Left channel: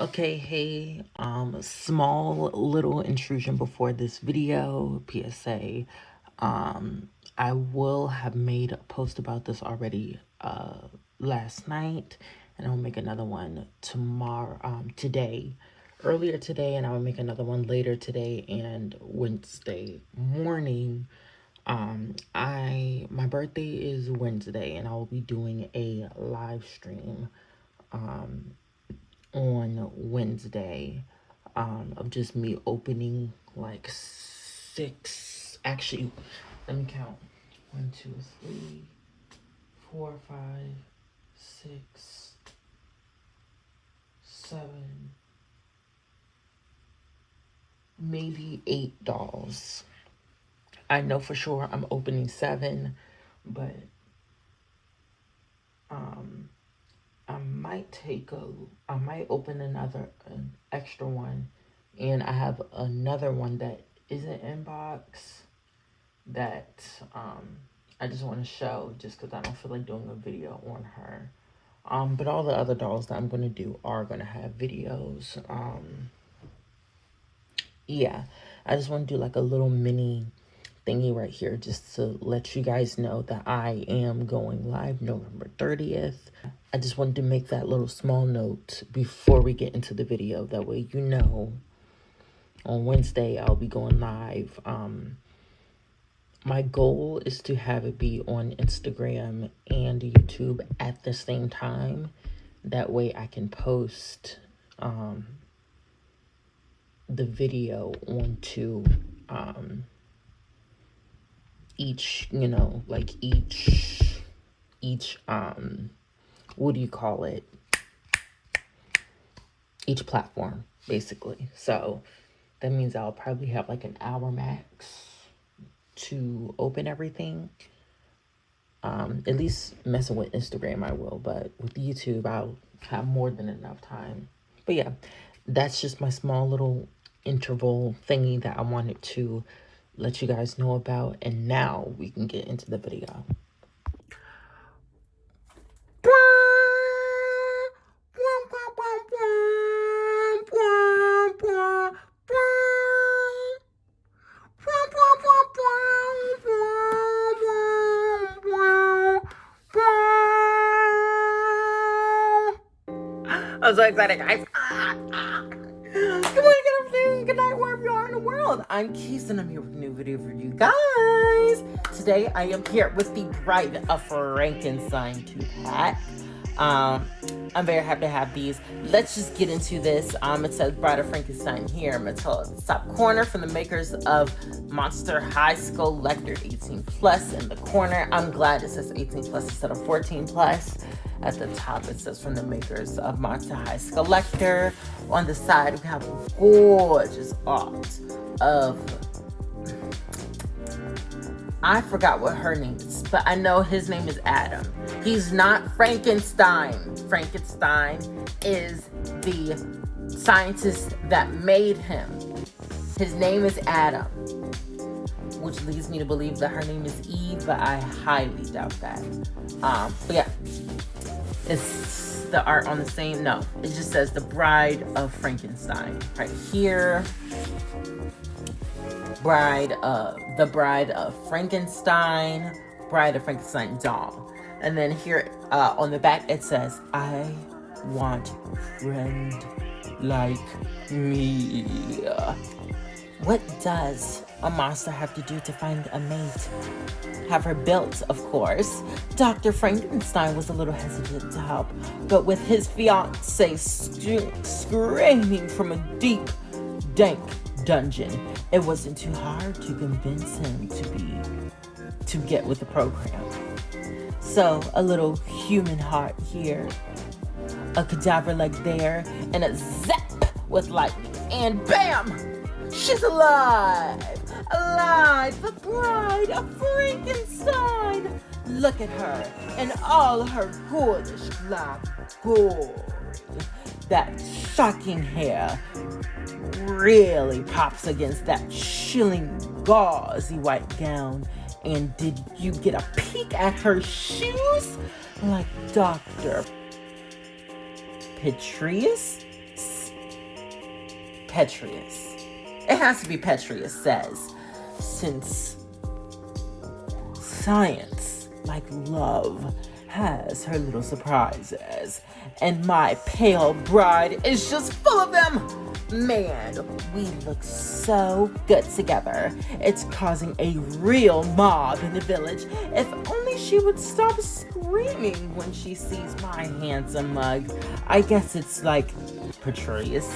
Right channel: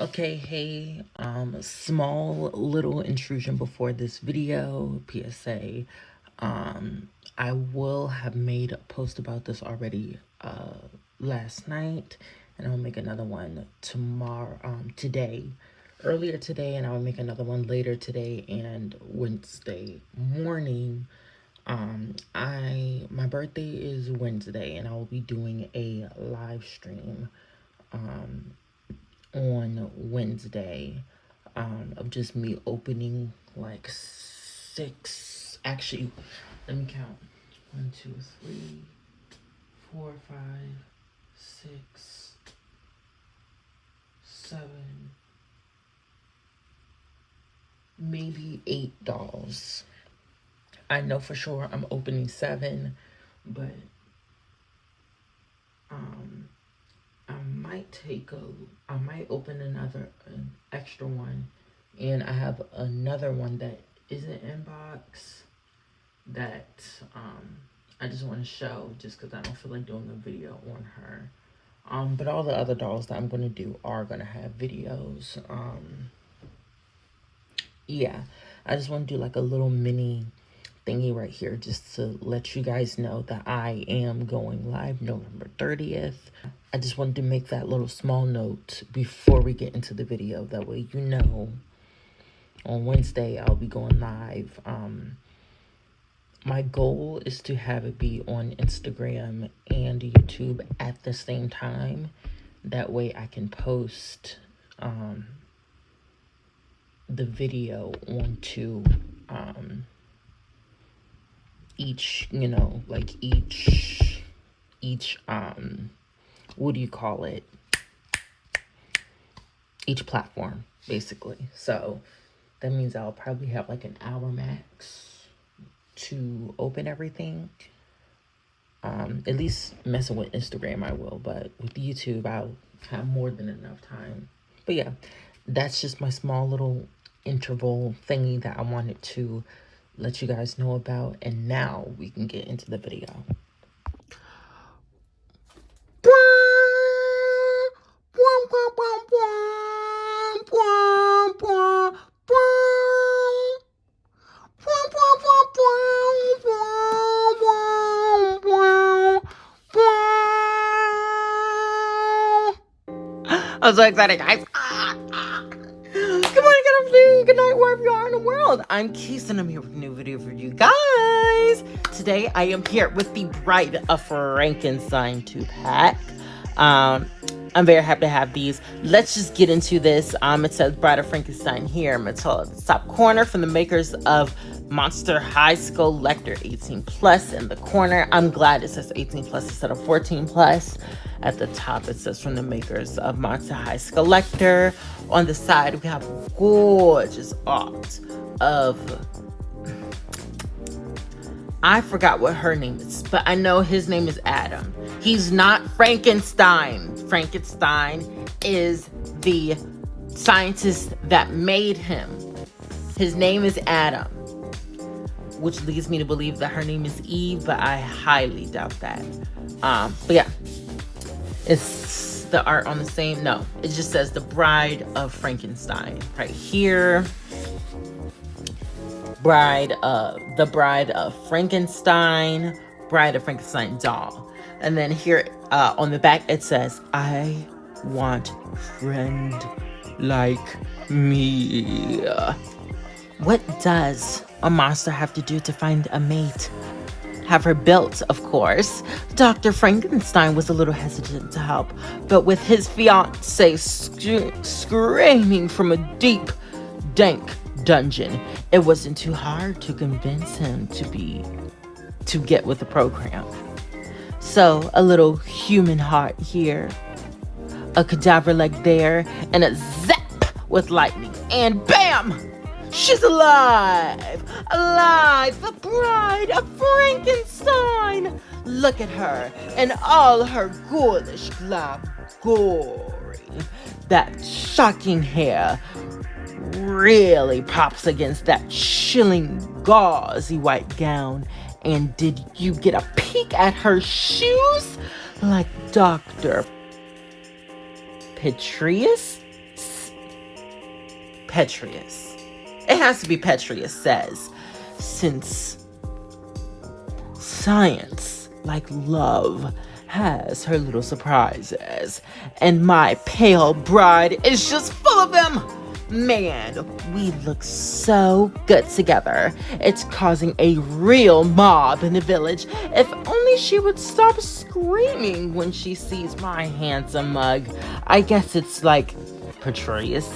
Okay, hey, small little intrusion before this video, PSA. I will have made a post about this already last night, and I'll make another one tomorrow, today, earlier today, and I'll make another one later today and Wednesday morning. My birthday is Wednesday, and I will be doing a live stream on Wednesday of just me opening like six. Actually, let me count: 1, 2, 3, 4, 5, 6, 7, maybe 8 dolls. I know for sure I'm opening 7, but I might open an extra one, and I have another one that isn't in box that I just want to show just because I don't feel like doing a video on her. But all the other dolls that I'm gonna do are gonna have videos. Yeah, I just want to do like a little mini thingy right here just to let you guys know that I am going live November 30th. I just wanted to make that little small note before we get into the video. That way you know on Wednesday I'll be going live. My goal is to have it be on Instagram and YouTube at the same time. That way I can post the video onto each, each what do you call it? Each platform, basically. So that means I'll probably have like an hour max to open everything. At least messing with Instagram I will, but with YouTube I'll have more than enough time. But yeah, that's just my small little interval thingy that I wanted to let you guys know about. And now we can get into the video. I'm so excited, guys. Good morning, good afternoon, good night, wherever you are in the world. I'm Keith, and I'm here with a new video for you guys. Today, I am here with the Bride of Frankenstein 2-pack. I'm very happy to have these. Let's just get into this. It says Bride of Frankenstein here. I'm going to tell it at the top corner from the makers of Monster High Skullector 18 plus in the corner. I'm glad it says 18 plus instead of 14 plus. At the top, it says from the makers of Monster High Skullector. On the side, we have a gorgeous art of, I forgot what her name is, but I know his name is Adam. He's not Frankenstein. Frankenstein is the scientist that made him. His name is Adam, which leads me to believe that her name is Eve, but I highly doubt that. But yeah, it's the art on the same, no, it just says the Bride of Frankenstein right here. The Bride of Frankenstein, Bride of Frankenstein doll. And then here on the back it says, I want a friend like me. What does a monster have to do to find a mate? Have her built, of course. Dr. Frankenstein was a little hesitant to help, but with his fiancée screaming from a deep, dank dungeon, it wasn't too hard to convince him to get with the program. So a little human heart here, a cadaver leg there, and a zap with lightning, and bam! She's alive! Alive! The Bride of Frankenstein! Look at her and all her ghoulish black glory. That shocking hair really pops against that chilling gauzy white gown. And did you get a peek at her shoes? Like Dr. Petrius Petrius. It has to be Petrius says, since science, like love, has her little surprises, and my pale bride is just full of them. Man, we look so good together. It's causing a real mob in the village. If only she would stop screaming when she sees my handsome mug. I guess it's like Petrius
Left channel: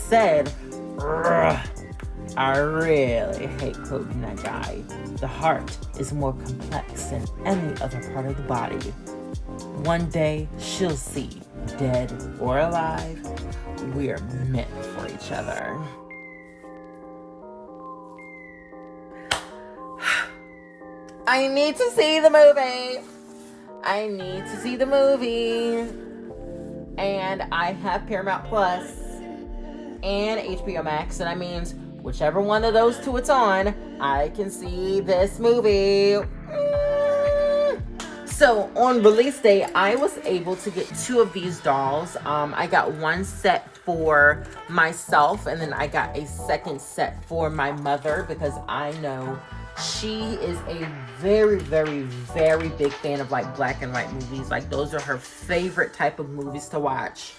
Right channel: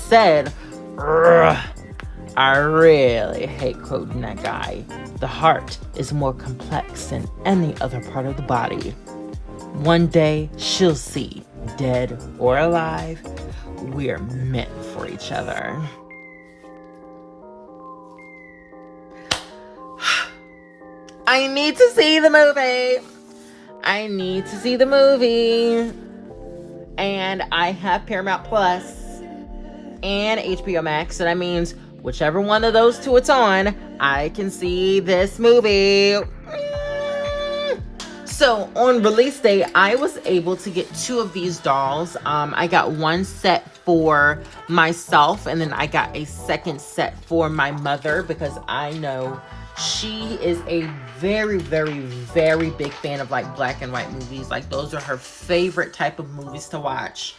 said, "Ugh, I really hate quoting that guy. The heart is more complex than any other part of the body. One day she'll see, dead or alive, we're meant for each other." I need to see the movie. And I have Paramount Plus and HBO Max, so that means whichever one of those two it's on, I can see this movie. So on release day, I was able to get 2 of these dolls. I got one set for myself, and then I got a second set for my mother, because I know she is a very, very, very big fan of like black and white movies. Like those are her favorite type of movies to watch.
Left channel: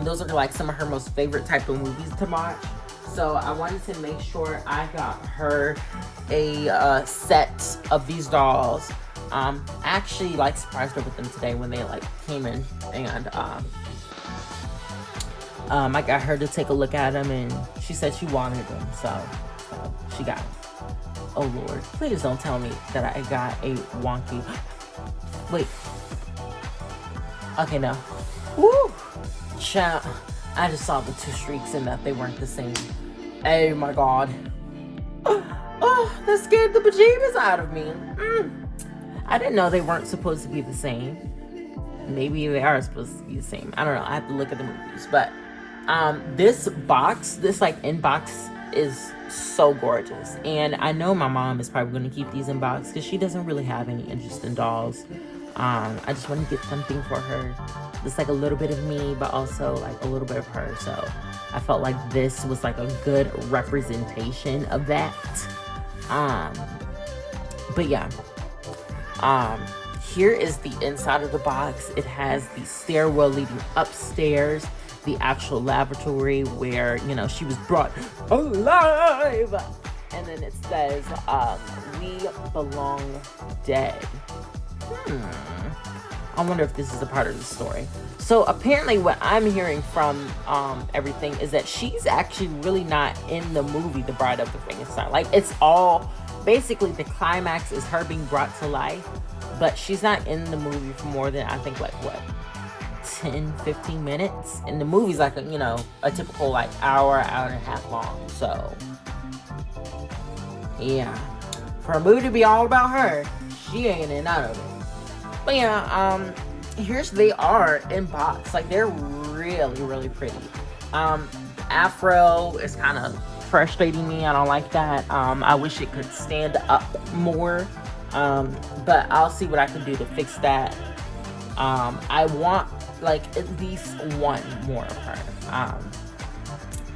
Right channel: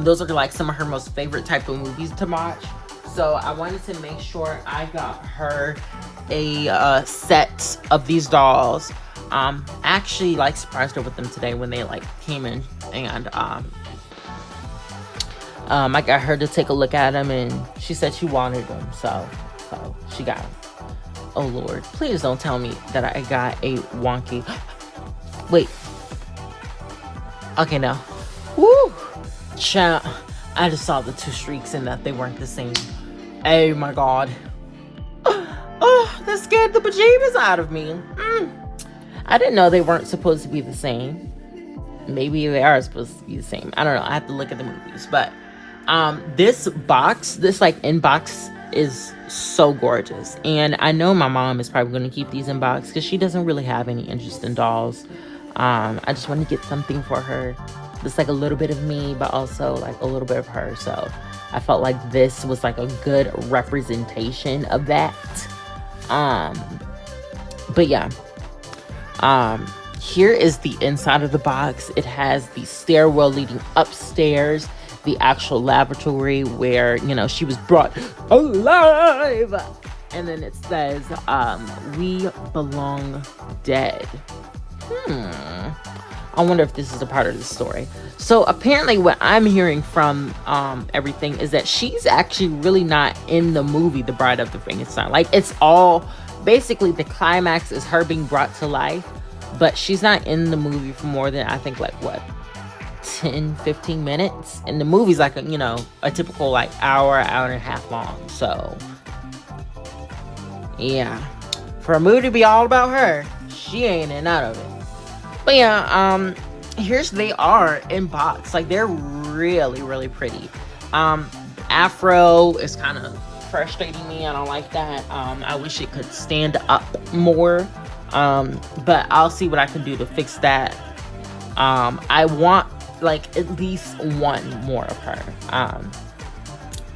Those are like some of her most favorite type of movies to watch. So I wanted to make sure I got her a set of these dolls. Actually like surprised her with them today when they like came in, and I got her to take a look at them, and she said she wanted them, so she got them. Oh Lord, please don't tell me that I got a wonky. Wait. Okay, no. Woo! Chat. I just saw the 2 streaks and that they weren't the same. Oh my God. Oh, that scared the bejeebus out of me. I didn't know they weren't supposed to be the same. Maybe they are supposed to be the same. I don't know. I have to look at the movies. But this box, this like inbox is so gorgeous. And I know my mom is probably going to keep these in box because she doesn't really have any interest in dolls. I just want to get something for her. It's like a little bit of me, but also like a little bit of her. So I felt like this was like a good representation of that. But yeah. Here is the inside of the box. It has the stairwell leading upstairs, the actual lavatory where, you know, she was brought alive. And then it says, we belong dead. I wonder if this is a part of the story. So apparently what I'm hearing from everything is that she's actually really not in the movie The Bride of the Frankenstein. Like, it's all basically the climax is her being brought to life, but she's not in the movie for more than, I think, like what, 10-15 minutes, and the movie's like a, you know, a typical like hour and a half long. So yeah, for a movie to be all about her, she ain't in none of it. But yeah, here's they are in box. Like, they're really, really pretty. Afro is kind of frustrating me. I don't like that. I wish it could stand up more. But I'll see what I can do to fix that. I want like at least one more of her.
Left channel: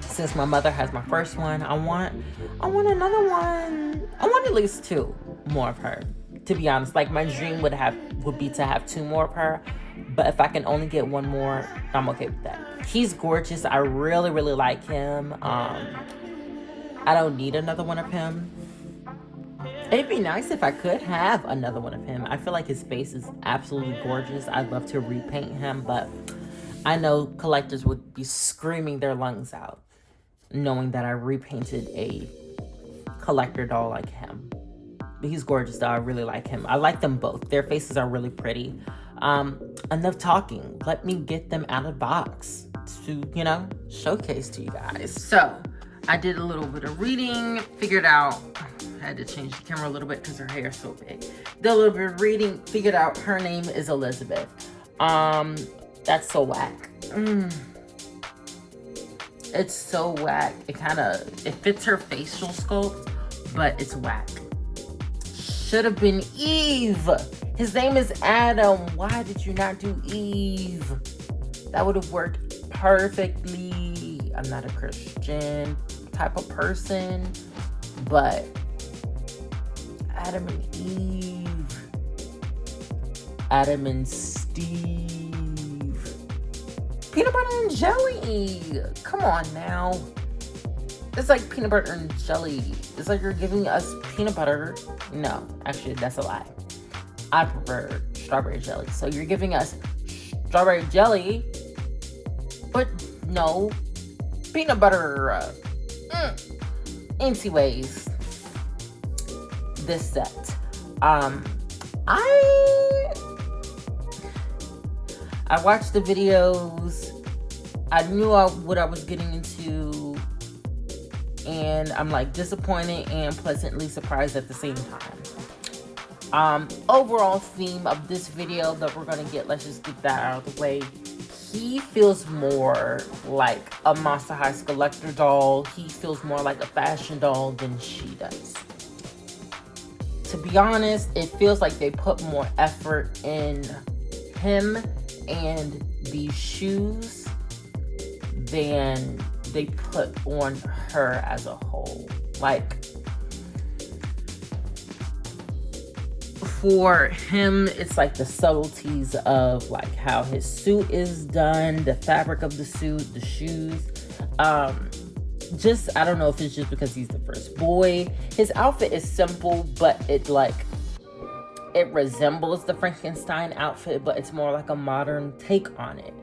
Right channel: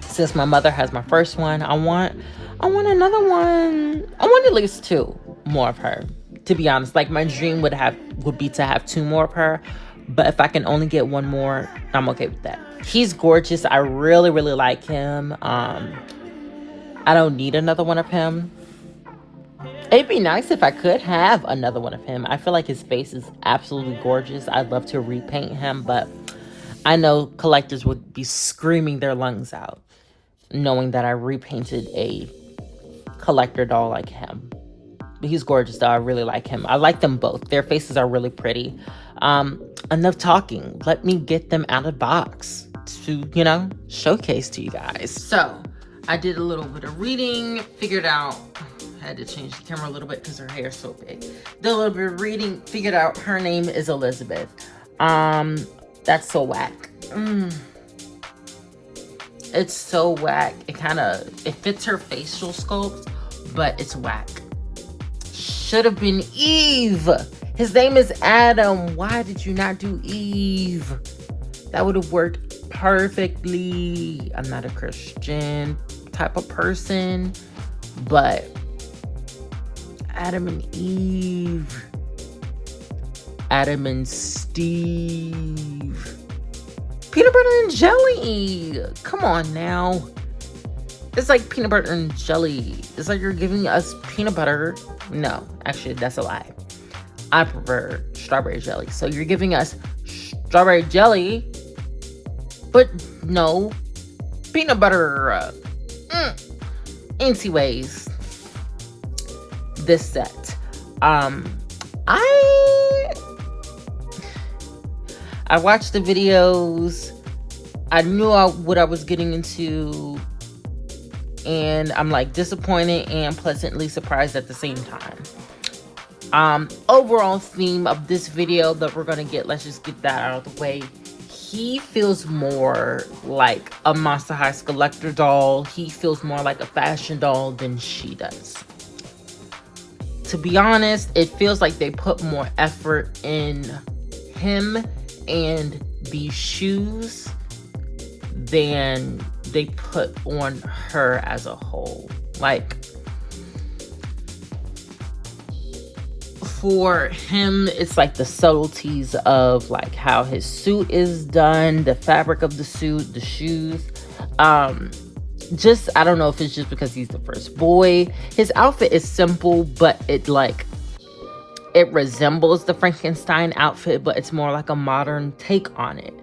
Since my mother has my first one, I want another one. I want at least 2 more of her. To be honest, like my dream would be to have 2 more of her, but if I can only get 1 more, I'm okay with that. He's gorgeous. I really, really like him. I don't need another one of him. It'd be nice if I could have another one of him. I feel like his face is absolutely gorgeous. I'd love to repaint him, but I know collectors would be screaming their lungs out knowing that I repainted a collector doll like him. But he's gorgeous though. I really like him. I like them both. Their faces are really pretty. Enough talking. Let me get them out of the box to, you know, showcase to you guys. So I did a little bit of reading, figured out, I had to change the camera a little bit because her hair is so big. Did a little bit of reading, figured out her name is Elizabeth. That's so whack. It's so whack. It fits her facial sculpt, but it's whack. Should have been Eve. His name is Adam. Why did you not do Eve? That would have worked perfectly. I'm not a Christian type of person, but Adam and Eve, Adam and Steve, peanut butter and jelly. Come on now. It's like peanut butter and jelly. It's like you're giving us peanut butter. No, actually, that's a lie. I prefer strawberry jelly. So you're giving us strawberry jelly, but no peanut butter. Anyways, this set. I watched the videos. I knew what I was getting into, and I'm like disappointed and pleasantly surprised at the same time. Overall theme of this video that we're gonna get, let's just get that out of the way. He feels more like a Monster High Skullector doll. He feels more like a fashion doll than she does. To be honest, it feels like they put more effort in him and these shoes than they put on her as a whole. Like, for him, it's like the subtleties of like how his suit is done, the fabric of the suit, the shoes. Just, I don't know if it's just because he's the first boy. His outfit is simple, but it resembles the Frankenstein outfit, but it's more like a modern take on it.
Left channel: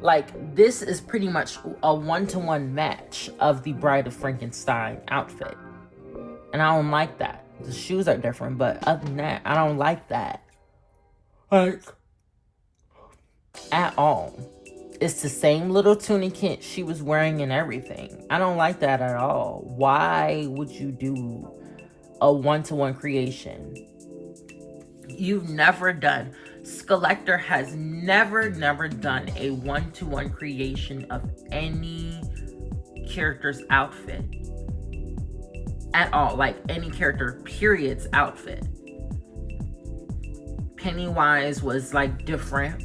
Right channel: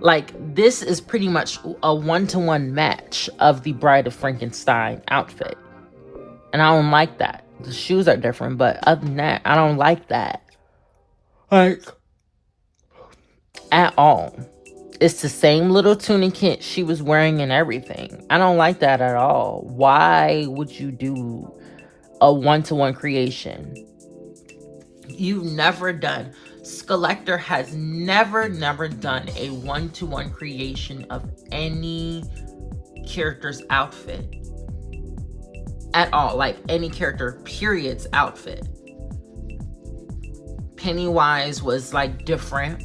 Like, this is pretty much a one-to-one match of the Bride of Frankenstein outfit. And I don't like that. The shoes are different, but other than that, I don't like that. Like, at all. It's the same little tunic she was wearing and everything. I don't like that at all. Why would you do a one-to-one creation? You've never done, Skullector has never done a one-to-one creation of any character's outfit. At all, like any character, period's outfit. Pennywise was like different.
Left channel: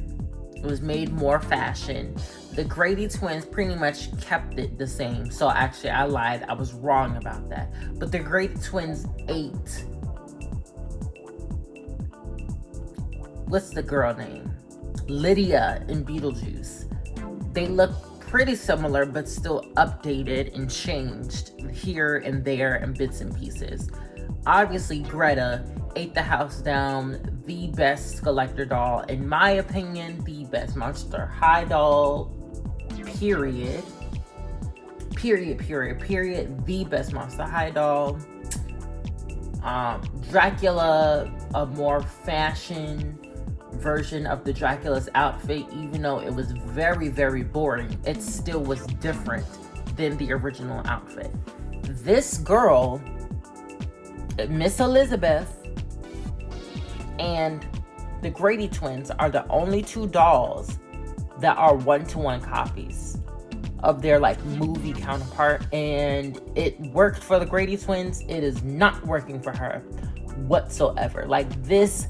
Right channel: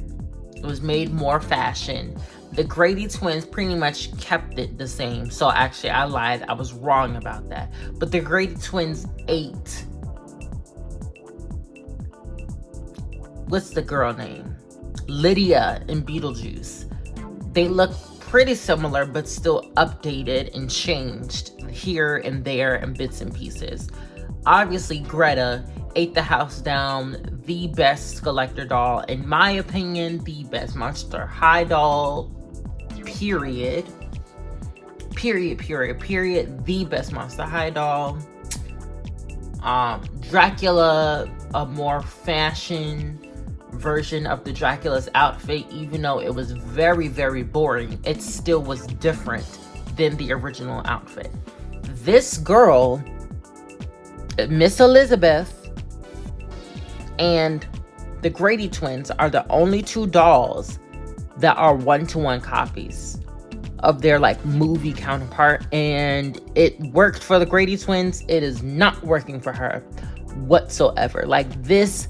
It was made more fashion. The Grady twins pretty much kept it the same. So actually, I lied. I was wrong about that. But the Grady twins ate. What's the girl name? Lydia in Beetlejuice. They look pretty similar, but still updated and changed here and there in bits and pieces. Obviously, Greta ate the house down. The best Skullector doll, in my opinion, the best Monster High doll, period. The best Monster High doll. Dracula, a more fashion version of the Dracula's outfit, even though it was very, very boring, it still was different than the original outfit. This girl, Miss Elizabeth, and the Grady twins are the only two dolls that are one-to-one copies of their like movie counterpart, and it worked for the Grady twins. It is not working for her whatsoever. Like, this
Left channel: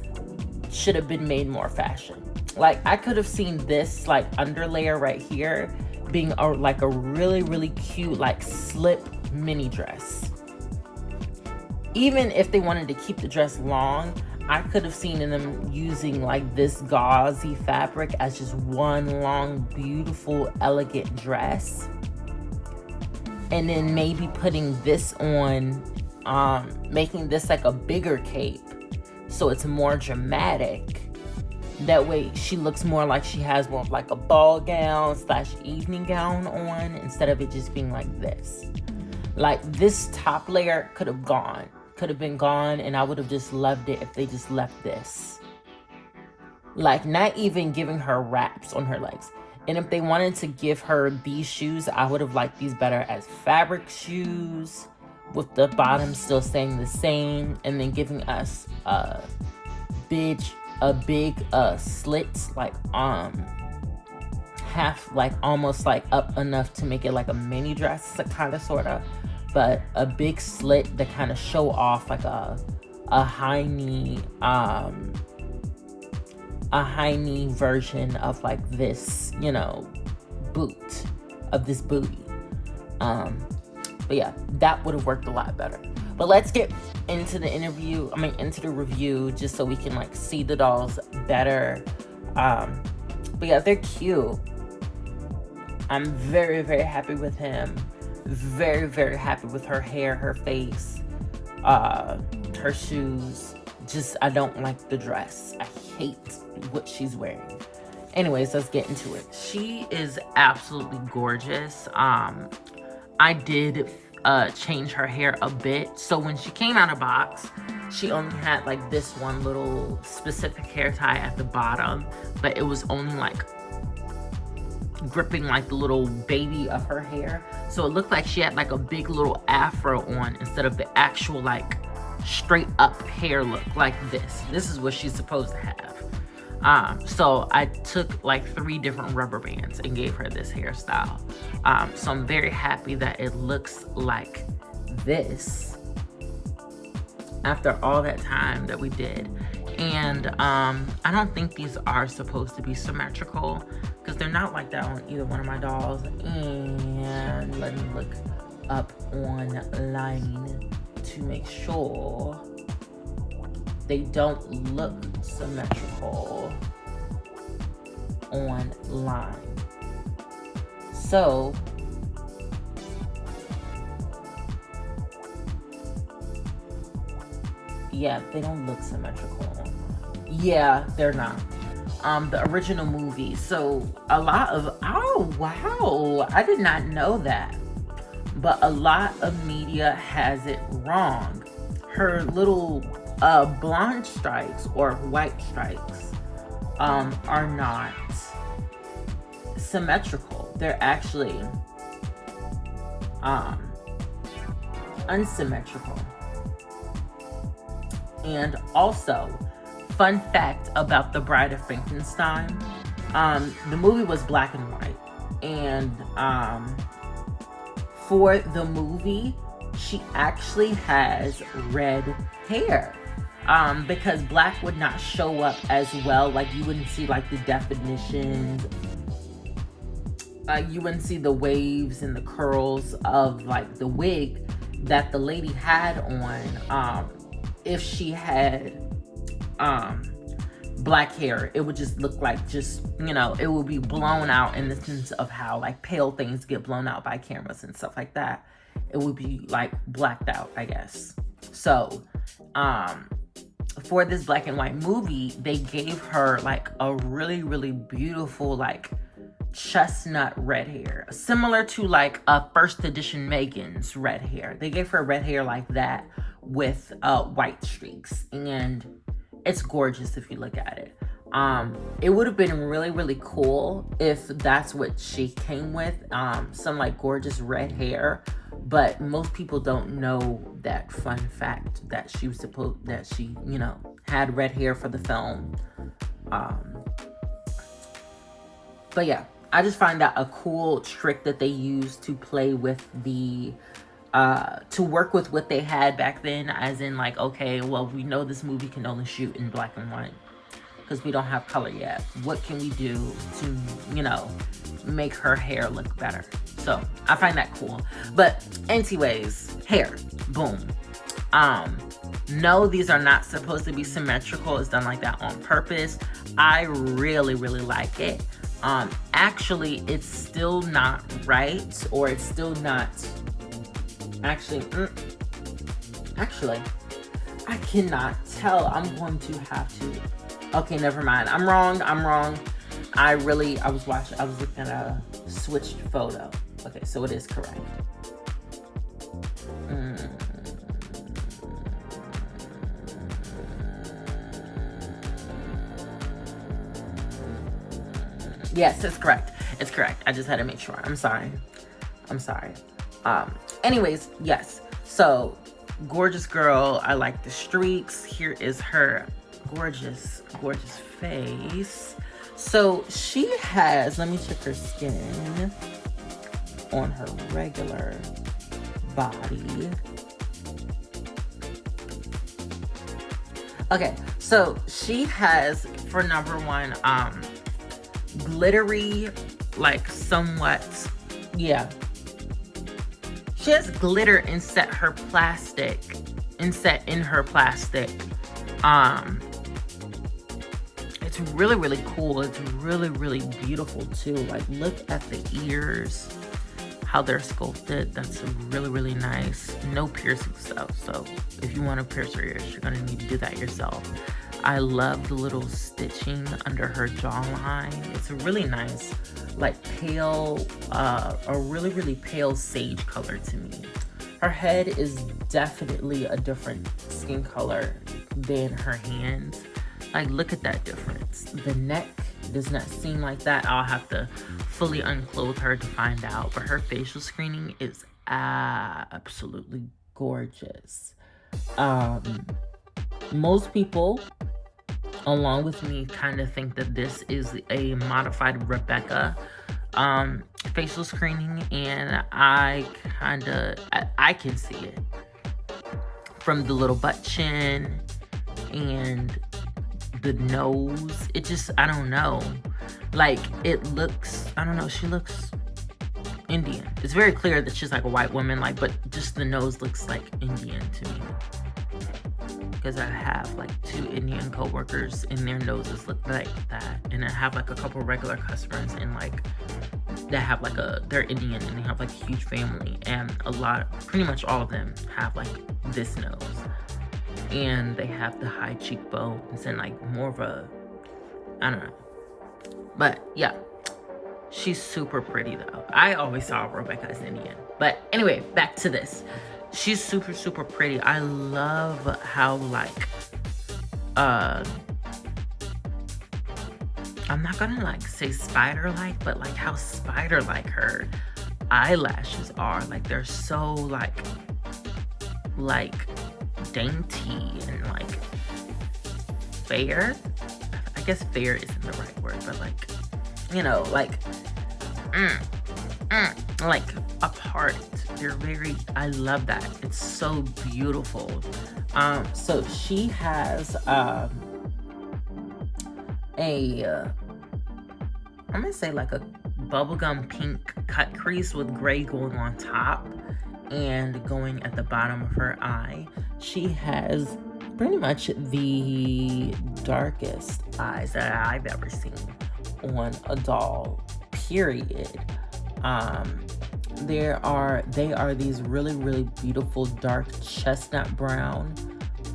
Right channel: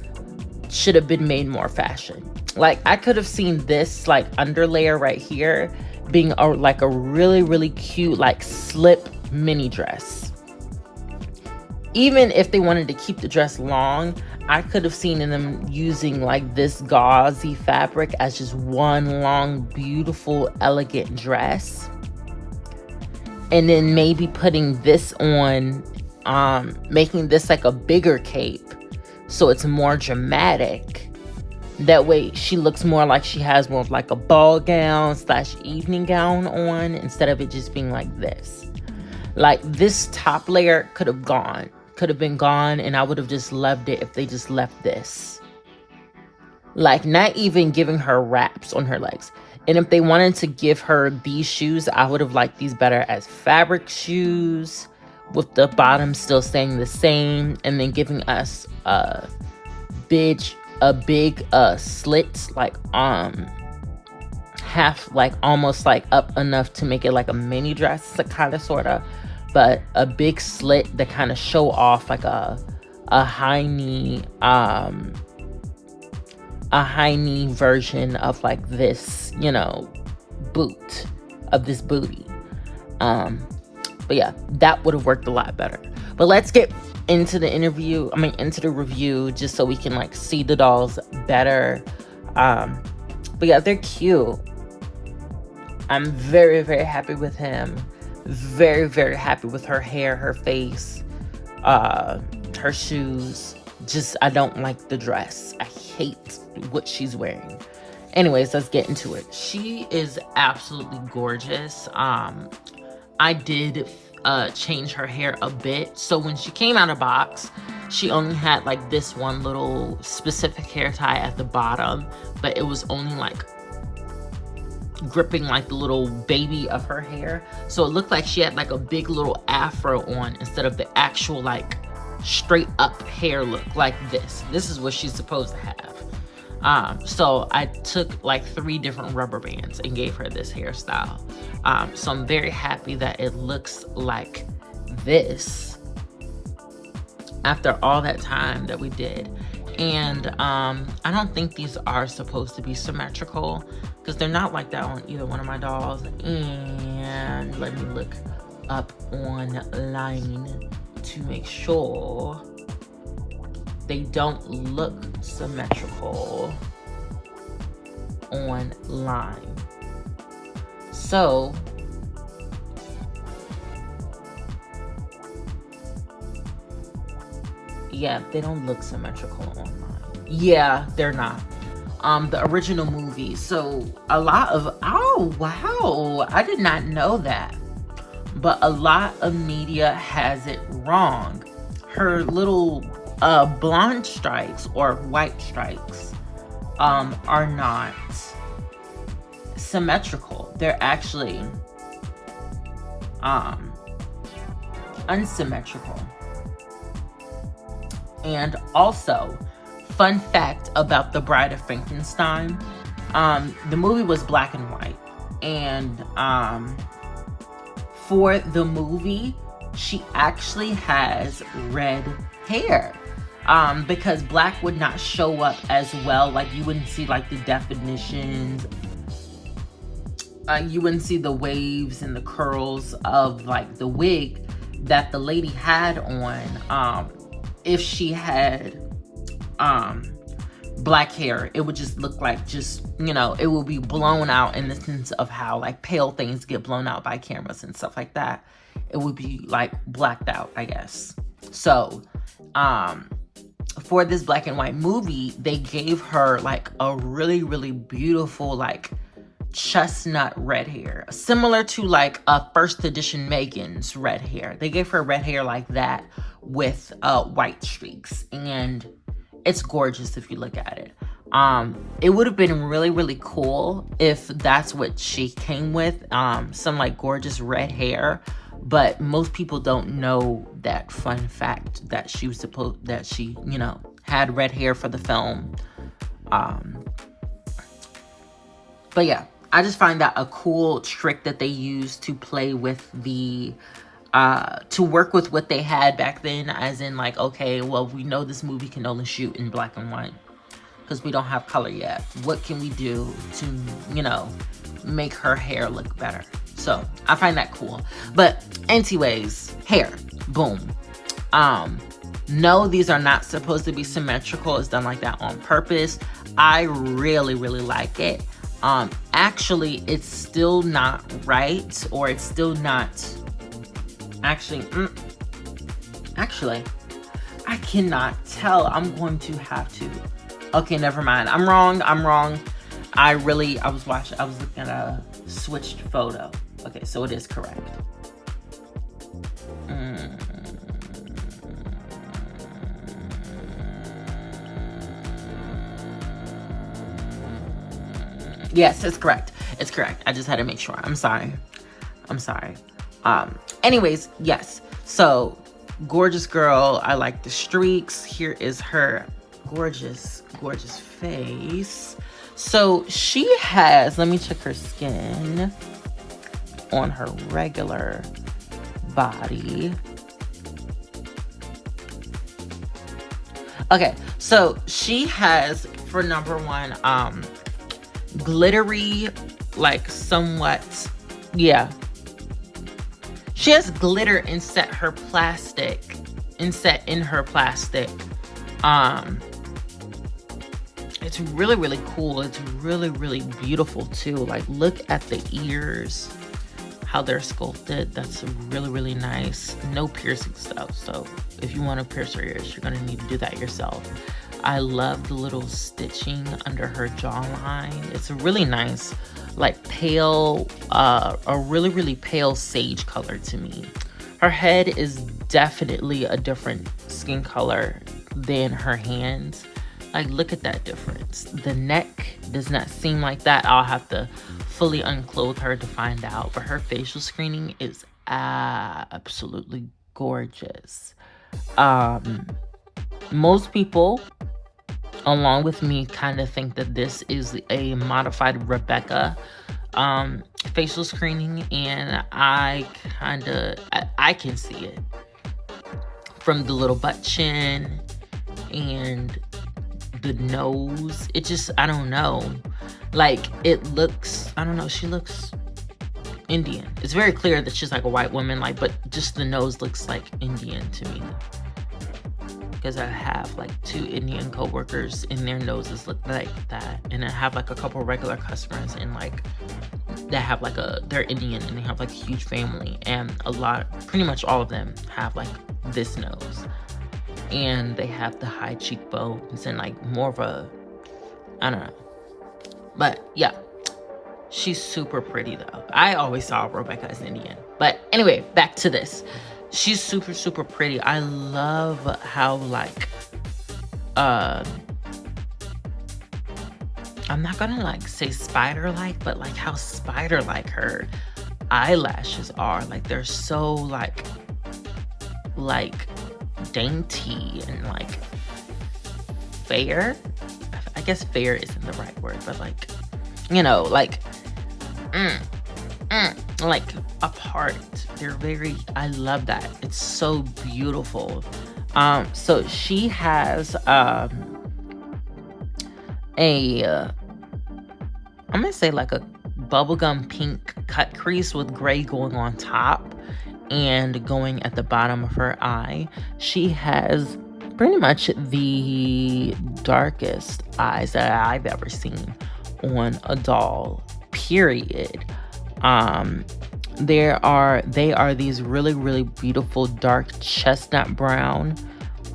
should have been made more fashion. Like, I could have seen this like underlayer right here being like a really, really cute like slip mini dress. Even if they wanted to keep the dress long, I could have seen them using like this gauzy fabric as just one long, beautiful, elegant dress. And then maybe putting this on, making this like a bigger cape so it's more dramatic. That way she looks more like she has more of like a ball gown / evening gown on, instead of it just being like this. Like, this top layer could have been gone, and I would have just loved it if they just left this. Like, not even giving her wraps on her legs. And if they wanted to give her these shoes, I would have liked these better as fabric shoes with the bottom still staying the same, and then giving us a big slit, like half, like almost like up enough to make it like a mini dress, kind of, sort of, but a big slit that kind of show off like a high knee version of like this, you know, boot, of this booty. But yeah, that would have worked a lot better. But let's get into the into the review, just so we can like see the dolls better. But yeah, they're cute. I'm very, very happy with him. Very, very happy with her hair, her face, her shoes. Just, I don't like the dress. I hate what she's wearing. Anyways, let's get into it. She is absolutely gorgeous. I did change her hair a bit. So when she came out of box, she only had like this one little specific hair tie at the bottom, but it was only like gripping like the little baby of her hair. So it looked like she had like a big little afro on instead of the actual like straight up hair look like this. This is what she's supposed to have. So I took like 3 different rubber bands and gave her this hairstyle. So I'm very happy that it looks like this after all that time that we did. And I don't think these are supposed to be symmetrical, because they're not like that on either one of my dolls. And let me look up online to make sure they don't look symmetrical online. So yeah, they don't look symmetrical online. Yeah, they're not. The original movie. So a lot of, oh wow, I did not know that. But a lot of media has it wrong. Her little blonde stripes or white stripes are not symmetrical. They're actually unsymmetrical. And also, fun fact about the Bride of Frankenstein, the movie was black and white, and for the movie she actually has red hair, because black would not show up as well. Like, you wouldn't see like the definitions, you wouldn't see the waves and the curls of like the wig that the lady had on. If she had black hair, it would just look like, just, you know, it would be blown out in the sense of how like pale things get blown out by cameras and stuff like that. It would be like blacked out, I guess. So for this black and white movie, they gave her like a really, really beautiful like chestnut red hair, similar to like a first edition Megan's red hair. They gave her red hair like that with white streaks, and it's gorgeous if you look at it. It would have been really, really cool if that's what she came with, some like gorgeous red hair, but most people don't know that fun fact that she was supposed, that she, you know, had red hair for the film. But yeah, I just find that a cool trick that they use to play with the to work with what they had back then, as in like, okay, well, we know this movie can only shoot in black and white because we don't have color yet. What can we do to, you know, make her hair look better? So I find that cool. But anyways, hair, boom. No, these are not supposed to be symmetrical. It's done like that on purpose. I really, really like it. Actually, it's still not right, or it's still not, actually, I cannot tell. I'm going to have to, okay, never mind. I'm wrong. I was looking at a switched photo. Okay, so it is correct. Yes, it's correct. It's correct. I just had to make sure. I'm sorry. Anyways, yes. So, gorgeous girl. I like the streaks. Here is her gorgeous, gorgeous face. So, she has, let me check her skin on her regular body. Okay, so she has, for number one, glittery, like somewhat, yeah. She has glitter inset in her plastic. It's really, really cool. It's really, really beautiful too. Like, look at the ears, how they're sculpted. That's really, really nice. No piercing stuff. So if you want to pierce her ears, you're going to need to do that yourself. I love the little stitching under her jawline. It's a really nice, like pale, a really, really pale sage color to me. Her head is definitely a different skin color than her hands. Like, look at that difference. The neck does not seem like that. I'll have to fully unclothe her to find out. But her facial screening is absolutely gorgeous. Most people, along with me, kind of think that this is a modified Rebecca facial screening, and I can see it from the little butt chin and the nose. It just, I don't know, like, it looks, I don't know, she looks Indian. It's very clear that she's like a white woman, like, but just the nose looks like Indian to me, because I have like 2 Indian co-workers and their noses look like that, and I have like a couple regular customers and like that have like they're Indian and they have like a huge family, and pretty much all of them have like this nose, and they have the high cheekbones and like more of a, I don't know, but yeah, she's super pretty though. I always saw Rebecca as Indian, but anyway, back to this. She's super, super pretty. I love how, like, I'm not gonna like say spider-like, but like how spider-like her eyelashes are. Like, they're so like dainty and like fair. I guess fair isn't the right word, but like, you know, like like apart. They're very, I love that. It's so beautiful. So she has I'm gonna say like a bubblegum pink cut crease with gray going on top and going at the bottom of her eye. She has pretty much the darkest eyes that I've ever seen on a doll, period. They are these really, really beautiful dark chestnut brown.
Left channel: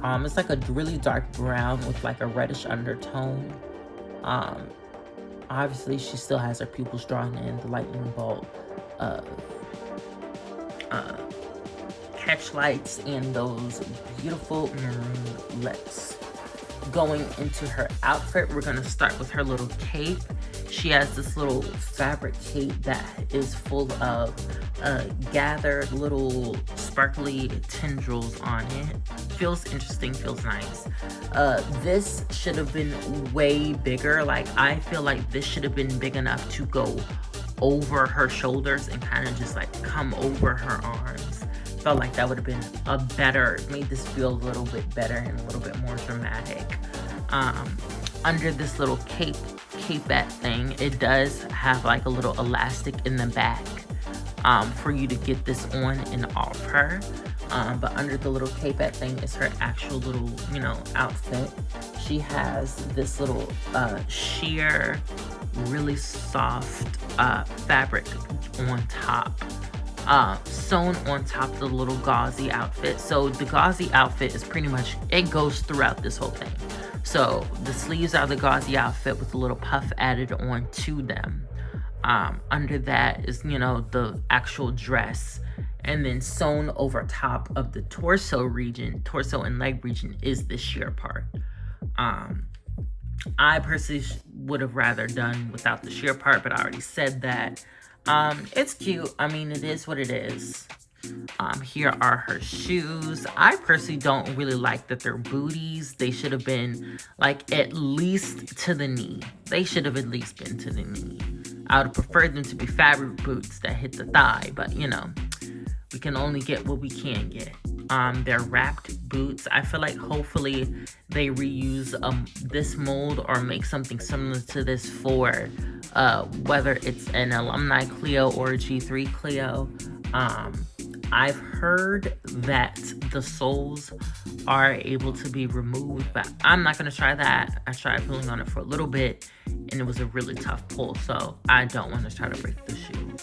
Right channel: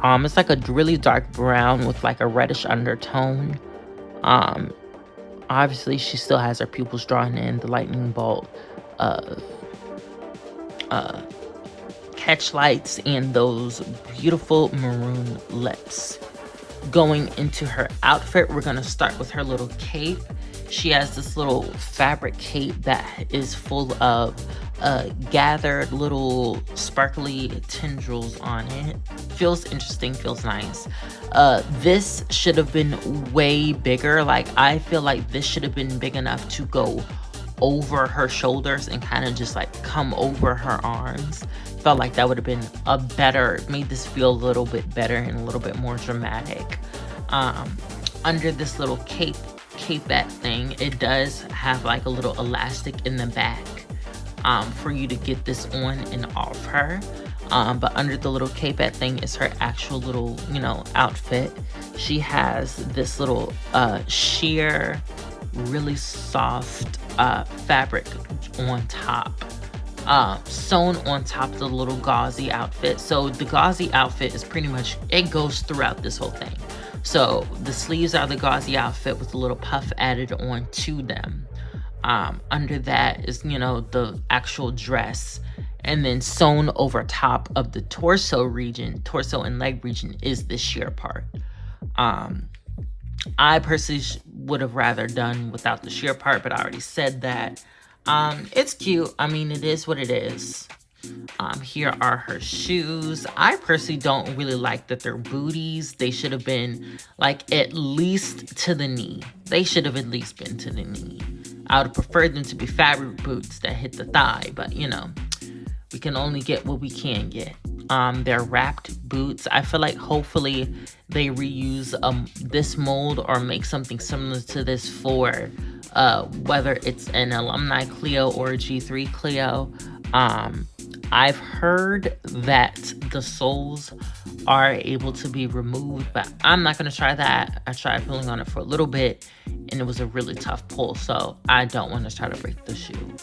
It's like a really dark brown with like a reddish undertone. Obviously she still has her pupils drawn in, the lightning bolt of catch lights, and those beautiful maroon lips. Going into her outfit, we're gonna start with her little cape. She has this little fabric cape that is full of gathered little sparkly tendrils on it. Feels interesting, feels nice. This should have been way bigger. Like, I feel like this should have been big enough to go over her shoulders and kind of just like come over her arms. Felt like that would have been made this feel a little bit better and a little bit more dramatic. Under this little capette thing, it does have like a little elastic in the back for you to get this on and off her. But under the little capette thing is her actual little, you know, outfit. She has this little sheer, really soft fabric on top, sewn on top of the little gauzy outfit. So the gauzy outfit is pretty much, it goes throughout this whole thing. So the sleeves are the gauzy outfit with a little puff added on to them. Under that is, you know, the actual dress, and then sewn over top of the torso and leg region is the sheer part. I personally would have rather done without the sheer part, but I already said that. It's cute. I mean, it is what it is. Here are her shoes. I personally don't really like that they're booties. They should have been like at least to the knee. They should have at least been to the knee. I would have preferred them to be fabric boots that hit the thigh, but you know, we can only get what we can get. They're wrapped boots. I feel like hopefully they reuse this mold or make something similar to this for whether it's an alumni Clio or a G3 Clio. I've heard that the soles are able to be removed, but I'm not going to try that. I tried pulling on it for a little bit and it was a really tough pull, so I don't want to try to break the shoe.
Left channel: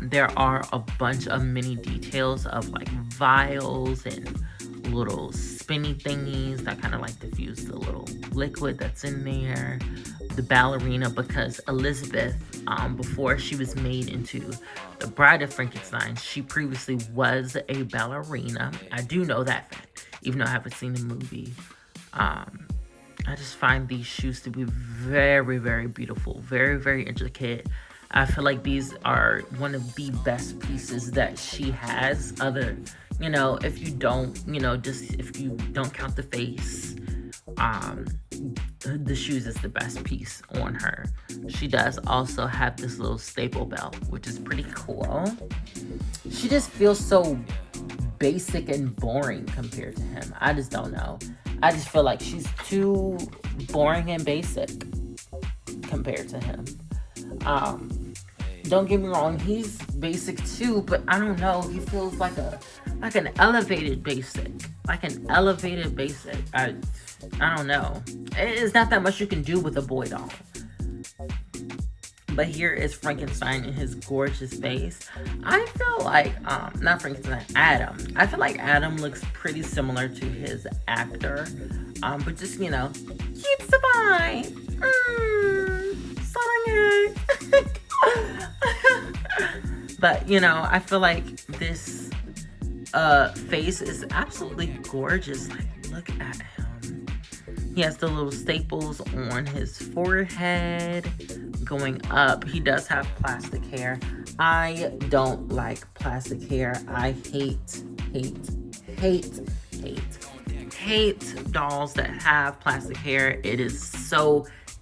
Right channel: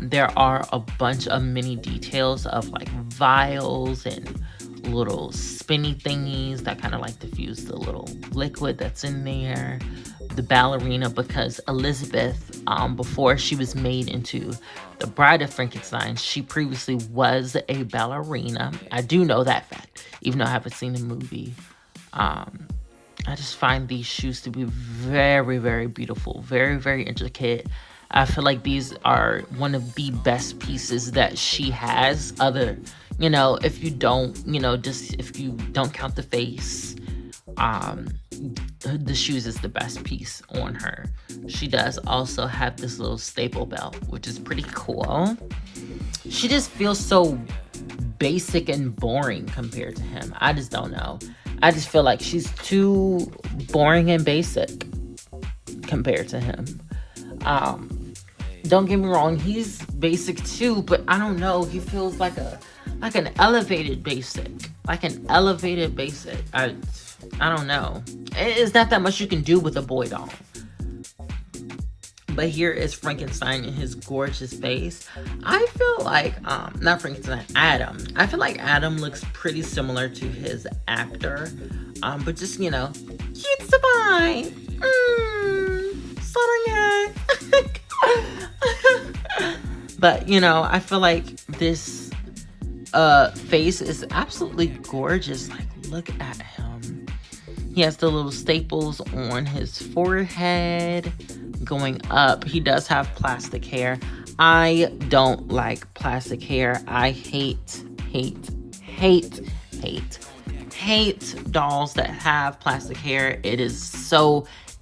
There are a bunch of mini details of like vials and little spinny thingies that kind of like diffuse the little liquid that's in there. The ballerina, because Elizabeth, before she was made into the Bride of Frankenstein, she previously was a ballerina. I do know that fact, even though I haven't seen the movie. I just find these shoes to be very, very beautiful, very, very intricate. I feel like these are one of the best pieces that she has. Other, if you don't, just if you don't count the face, the shoes is the best piece on her. She does also have this little staple belt, which is pretty cool. She just feels so basic and boring compared to him. I just don't know. I just feel like she's too boring and basic compared to him. Don't get me wrong, he's basic too, but I don't know. He feels like an elevated basic. Like an elevated basic. I don't know. It's not that much you can do with a boy doll. But here is Frankenstein in his gorgeous face. I feel like, not Frankenstein, Adam. I feel like Adam looks pretty similar to his actor. But just, keeps the vibe. Southern But, I feel like this face is absolutely gorgeous. Like, look at him. He has the little staples on his forehead going up. He does have plastic hair. I don't like plastic hair. I hate dolls that have plastic hair.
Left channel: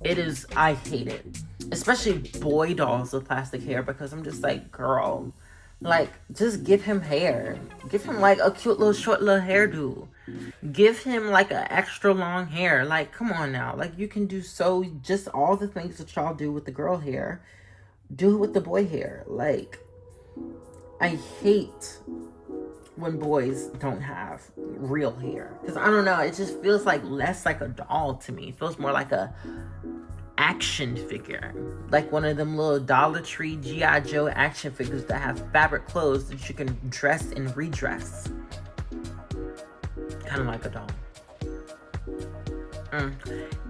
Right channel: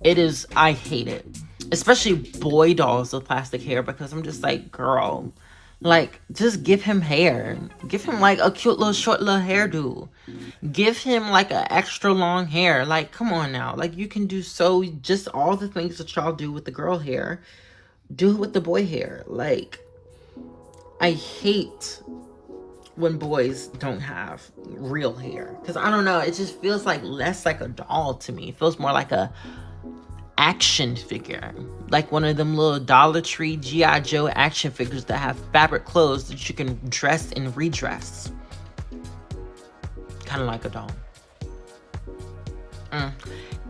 I hate it. Especially boy dolls with plastic hair, because I'm just like, girl, like, just give him hair. Give him like a cute little short little hairdo. Give him like an extra long hair. Like, come on now. Like, you can do just all the things that y'all do with the girl hair, do it with the boy hair. Like, I hate when boys don't have real hair, because I don't know, it just feels like less like a doll to me. It feels more like a action figure, like one of them little Dollar Tree G.I. Joe action figures that have fabric clothes that you can dress and redress, kind of like a doll.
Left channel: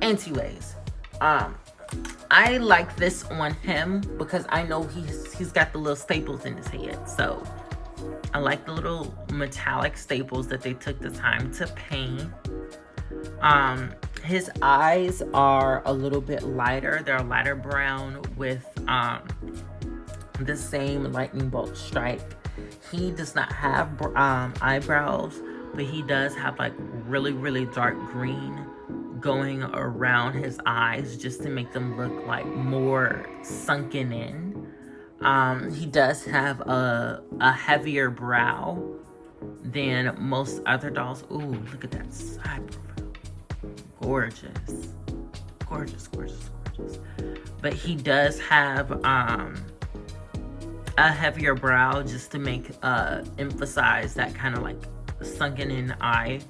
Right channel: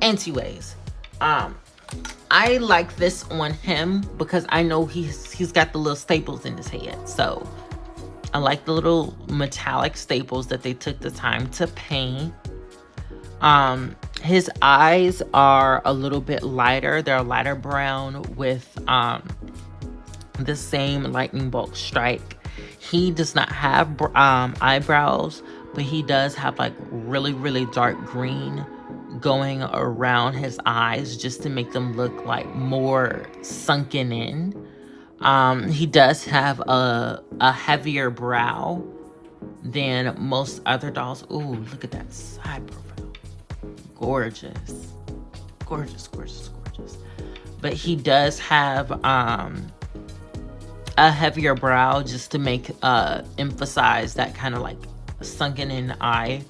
Anyways, I like this on him because I know he's got the little staples in his head, so I like the little metallic staples that they took the time to paint. His eyes are a little bit lighter. They're lighter brown with the same lightning bolt strike. He does not have eyebrows, but he does have like really, really dark green going around his eyes just to make them look like more sunken in. He does have a heavier brow than most other dolls. Ooh, look at that side profile. Gorgeous. But he does have a heavier brow just to make emphasize that kind of like sunken in eye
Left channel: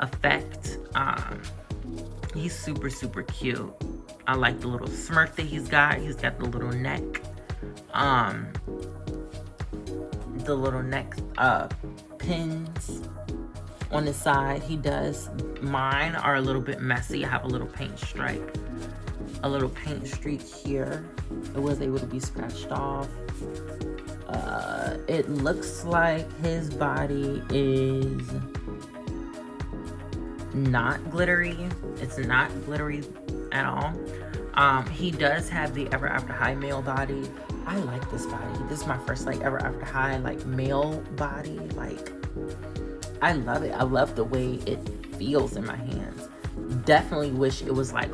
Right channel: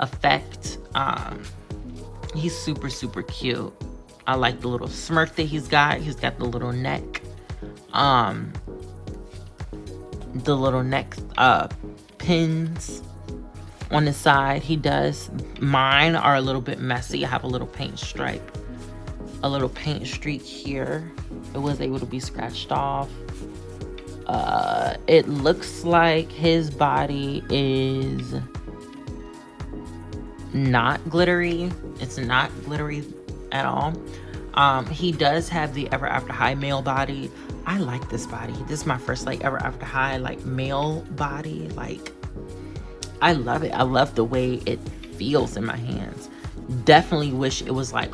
effect. He's super, super cute. I like the little smirk that he's got. He's got the little neck. The little neck pins on the side. He does. Mine are a little bit messy. I have a little paint stripe. A little paint streak here. It was able to be scratched off. It looks like his body is not glittery. It's not glittery at all. He does have the Ever After High male body. I like this body. This is my first like Ever After High like male body. Like, I love it. I love the way it feels in my hands. Definitely wish it was like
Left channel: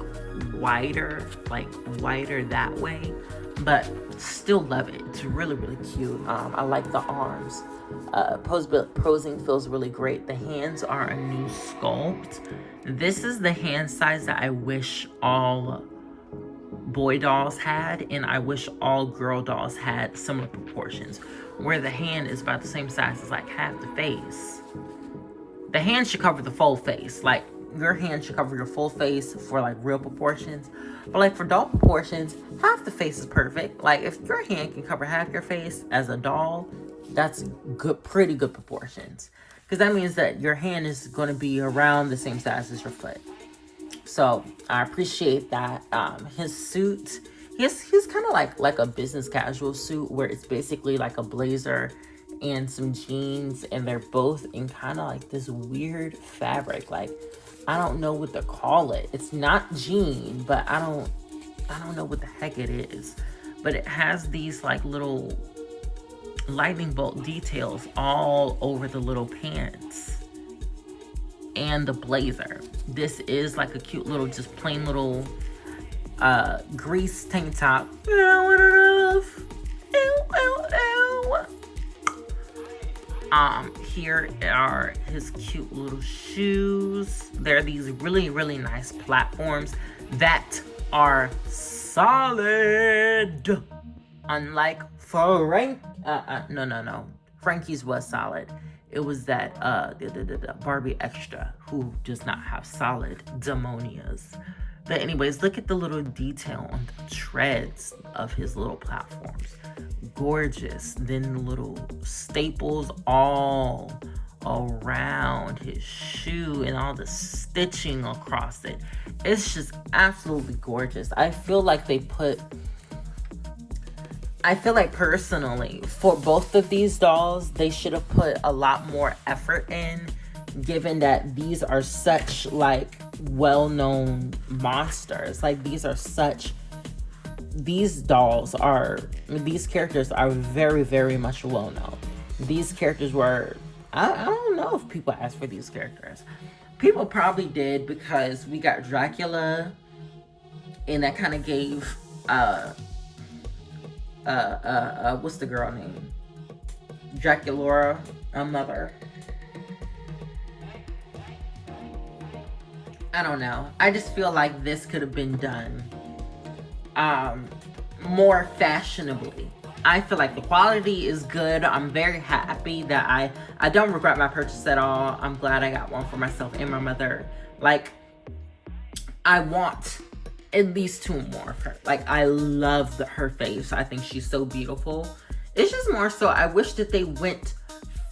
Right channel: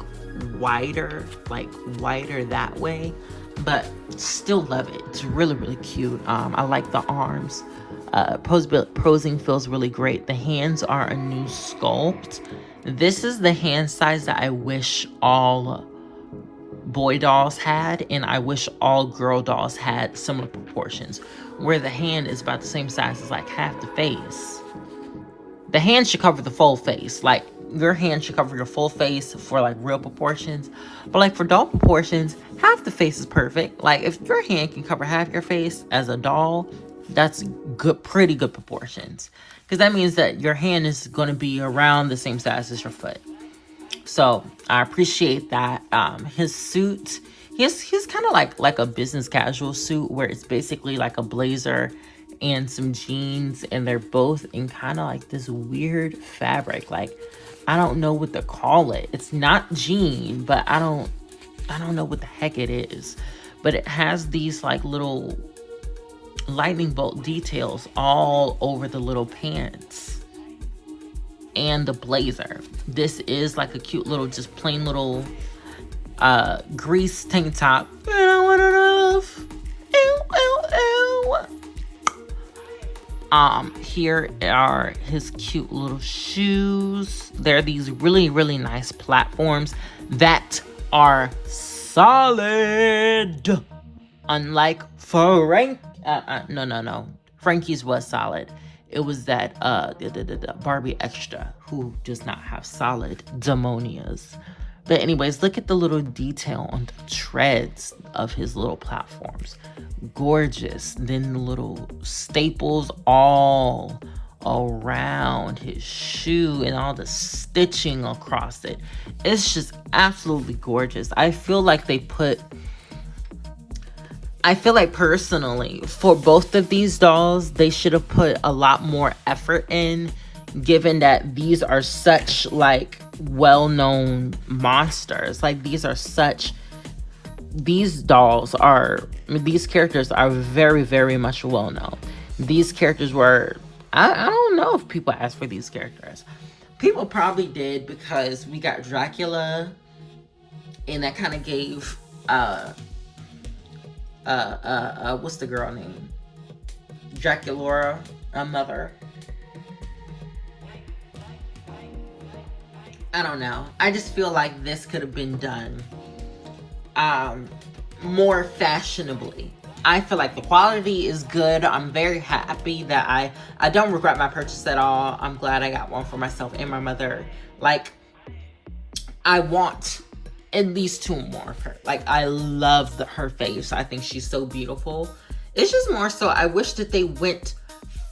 wider that way, but still love it. It's really, really cute. I like the arms. Posing feels really great. The hands are a new sculpt. This is the hand size that I wish all boy dolls had, and I wish all girl dolls had similar proportions, where the hand is about the same size as like half the face. The hand should cover the full face. Like, your hand should cover your full face for like real proportions. But like for doll proportions, half the face is perfect. Like, if your hand can cover half your face as a doll, that's good, pretty good proportions. Because that means that your hand is going to be around the same size as your foot. So I appreciate that. His suit, he's kind of like a business casual suit, where it's basically like a blazer and some jeans, and they're both in kind of like this weird fabric. Like, I don't know what to call it. It's not jean, but I don't know what the heck it is. But it has these like little lightning bolt details all over the little pants and the blazer. This is like a cute little, just plain little grease tank top. You know what it is? Ew, ew, ew. Here are his cute little shoes. They're these really, really nice platforms that are solid. Unlike no. Frankie's was solid. It was that the Barbie Extra who does not have solid demonias. But anyways, look at the little detail on the treads of his little platforms. Gorgeous. Then the little staples all around his shoe and all the stitching across it. It's just absolutely gorgeous. I feel like personally, for both of these dolls, they should have put a lot more effort in, given that these are such like well-known monsters. Like, these characters are very, very much well-known. These characters were, I don't know if people asked for these characters. People probably did, because we got Dracula, and that kind of gave what's the girl name? Draculaura a mother. I don't know. I just feel like this could have been done more fashionably. I feel like the quality is good. I'm very happy that I don't regret my purchase at all. I'm glad I got one for myself and my mother. Like, I want at least two more of her. Like, I love her face. I think she's so beautiful. It's just more so, I wish that they went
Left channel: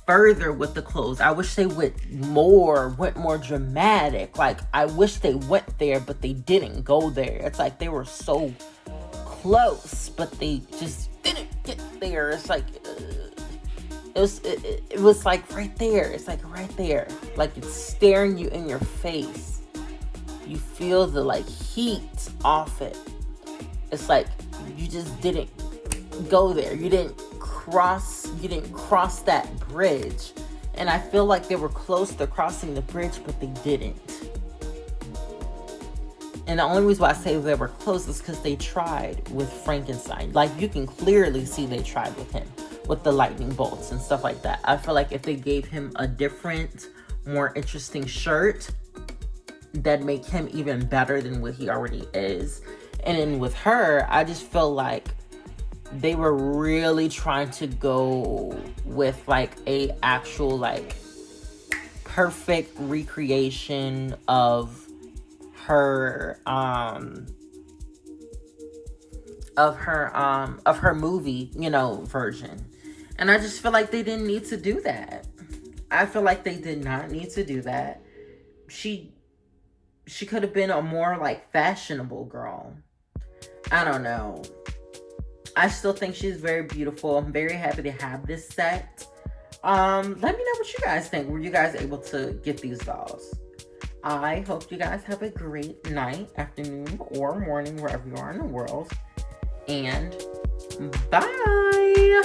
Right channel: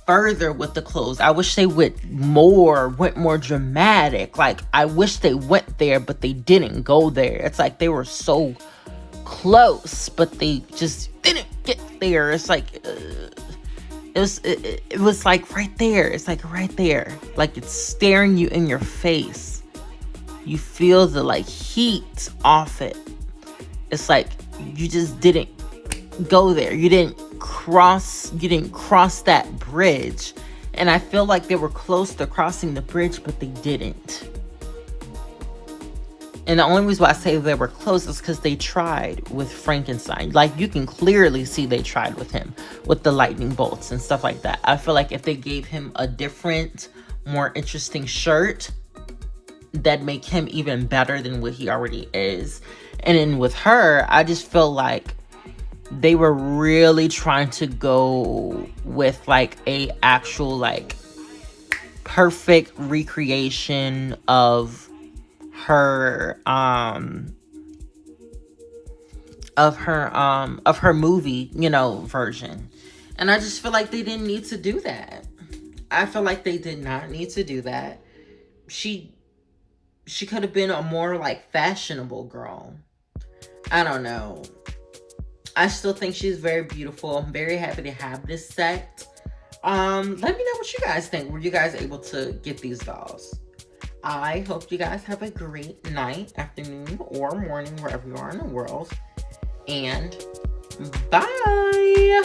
further with the clothes. I wish they went more dramatic. Like, I wish they went there, but they didn't go there. It's like they were so close, but they just didn't get there. It's like it was like right there. It's like right there. Like, it's staring you in your face. You feel the like heat off it. It's like you just didn't go there. You didn't cross that bridge. And I feel like they were close to crossing the bridge, but they didn't. And the only reason why I say they were close is because they tried with Frankenstein. Like, you can clearly see they tried with him, with the lightning bolts and stuff like that. I feel like if they gave him a different, more interesting shirt, that'd make him even better than what he already is. And then with her, I just feel like they were really trying to go with like a actual like perfect recreation of her movie, version. And I just feel like they didn't need to do that. I feel like they did not need to do that. She could have been a more like fashionable girl. I don't know. I still think she's very beautiful. I'm very happy to have this set. Let me know what you guys think. Were you guys able to get these dolls? I hope you guys have a great night, afternoon, or morning, wherever you are in the world. And bye!